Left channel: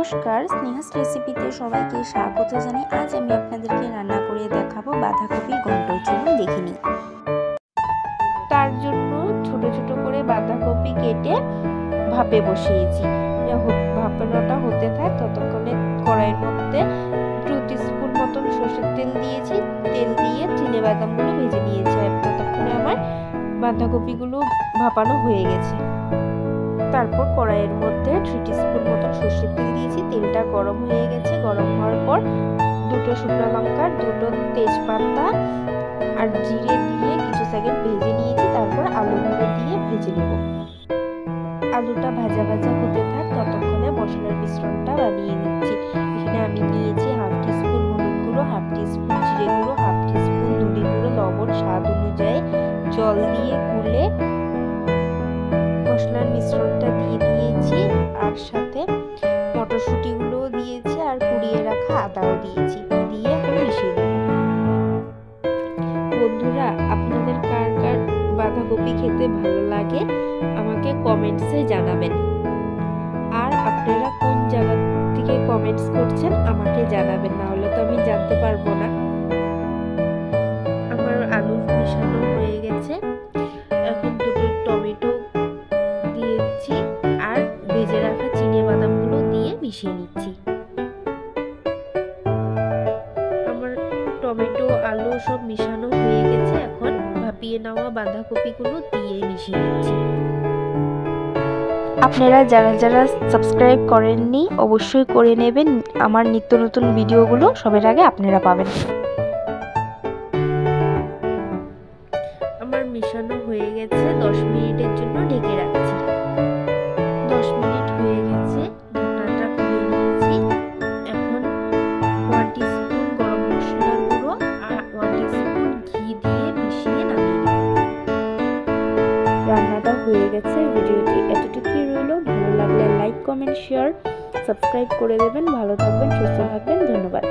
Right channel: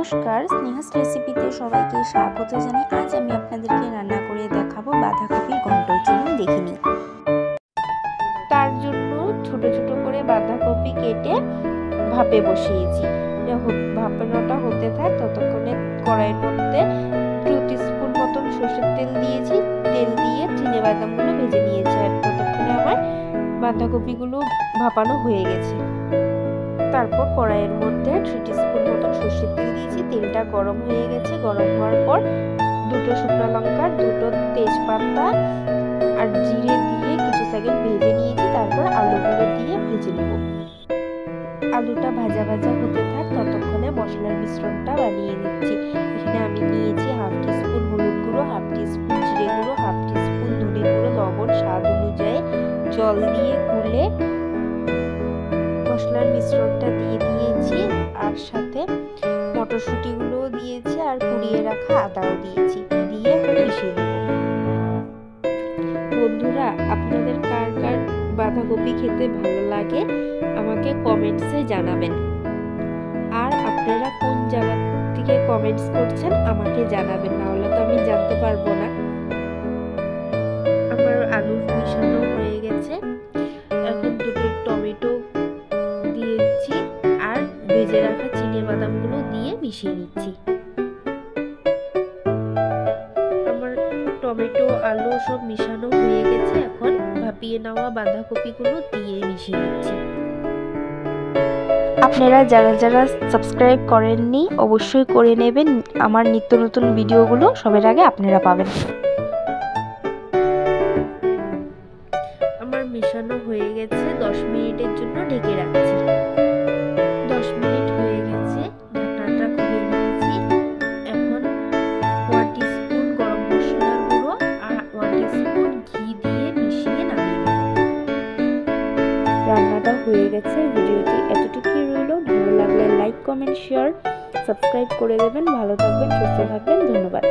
নমস্কার, স্নেহাস রেসিপিতে সবাইকে স্বাগত জানাই। আজ আমি আপনাদেরকে রান্না করে দেখাবো বাঁধাকপির ঘন্ট। চলুন দেখে নিই। তার জন্য ছোট ছোট করে বাঁধাকপি কেটে ভাপে বসিয়েছি। ভাপানোটা হতে থাক ততক্ষণে কড়াইয়ের মধ্যে 2 টিস্পুন মতন সরষের তেল দিয়েছি। তেল দিয়ে চিনেবাদামগুলো ভেজে নিয়েছি। আর ততক্ষণে আমার বাঁধাকপিগুলো ভাপানো হয়ে গেছে। তারপর কড়াইয়ের মধ্যে 3 টিস্পুন মতন সরষের তেল দিয়েছি। তেলটা গরম হয়ে গেছে। গরম হওয়ার পর 2টো শুকনো লঙ্কা, 2টো তেজপাতা আর জিরে দিয়ে কিছু সেকেন্ড ভেজে নিয়েছি। তারপর আলুগুলো দিয়ে ভেজে নেব। আলুটা ভাজা ভাজা হতে থাক ততক্ষণে মশলার মিশ্রণটা বানিয়ে নিচ্ছি। এখানে আমি নিয়েছি 1/2 টিস্পুন হলুদ গুঁড়ো, 1/2 টিস্পুন জিরে গুঁড়ো, 1/2 টিস্পুন ধনে গুঁড়ো, লবণ স্বাদ অনুযায়ী, জল দিয়ে গুলে মশলার মিশ্রণটা দিয়ে দিয়েছি। আর সাথে মটরশুঁটিগুলোও দিয়েছি আর কুড়িয়ে রাখা আদাও দিয়েছি। দিয়ে এখন মিশিয়ে দেব। বন্ধুরা, আপনাদের কার কার বাঁধাকপি খেতে ভালো লাগে আমাকে কমেন্টসে জানাবেন। আর আপনারা কোন জায়গা থেকে কমেন্টস করছেন আমাকে জানাবেন, না হলে তো আমি জানতে পারবো না। আমার আলু মিশানো হয়ে গেছে। এখন 2টো টমেটো দিয়েছি আর ভেজে রাখা চিনেবাদামগুলো দিয়ে মিশিয়ে নিচ্ছি। আমার টমেটো আলু সব মিশানো হয়ে গেছে। এখন ভাপিয়ে নেওয়া বাঁধাকপিগুলো দিয়ে মিশিয়ে নিচ্ছি। আপনারা যারা যারা সাবস্ক্রাইব করেননি অবশ্যই করে নেবেন। আমার নিত্য নতুন ভিডিওগুলো সবার আগে আপনারা পাবেন। আমার মিশানো হয়ে গেছে। 10 মিনিটের জন্য ঢেকে রাখছি। 10 মিনিট হয়ে গেছে। ঢাকনাটা খুলে নিয়েছি। এখন 1 টিস্পুন গরম মশলার গুঁড়ো আর 1 টিস্পুন ঘি দিয়ে মিশিয়ে নামিয়ে নেব। রান্নাটা হয়ে গেছে। ভিডিওটি এতটুকুই রইল। ভালো লাগলে লাইক, কমেন্ট, শেয়ার, সাবস্ক্রাইব করে দেবেন। ভালো থাকবেন, সুস্থ থাকবেন। ধন্যবাদ।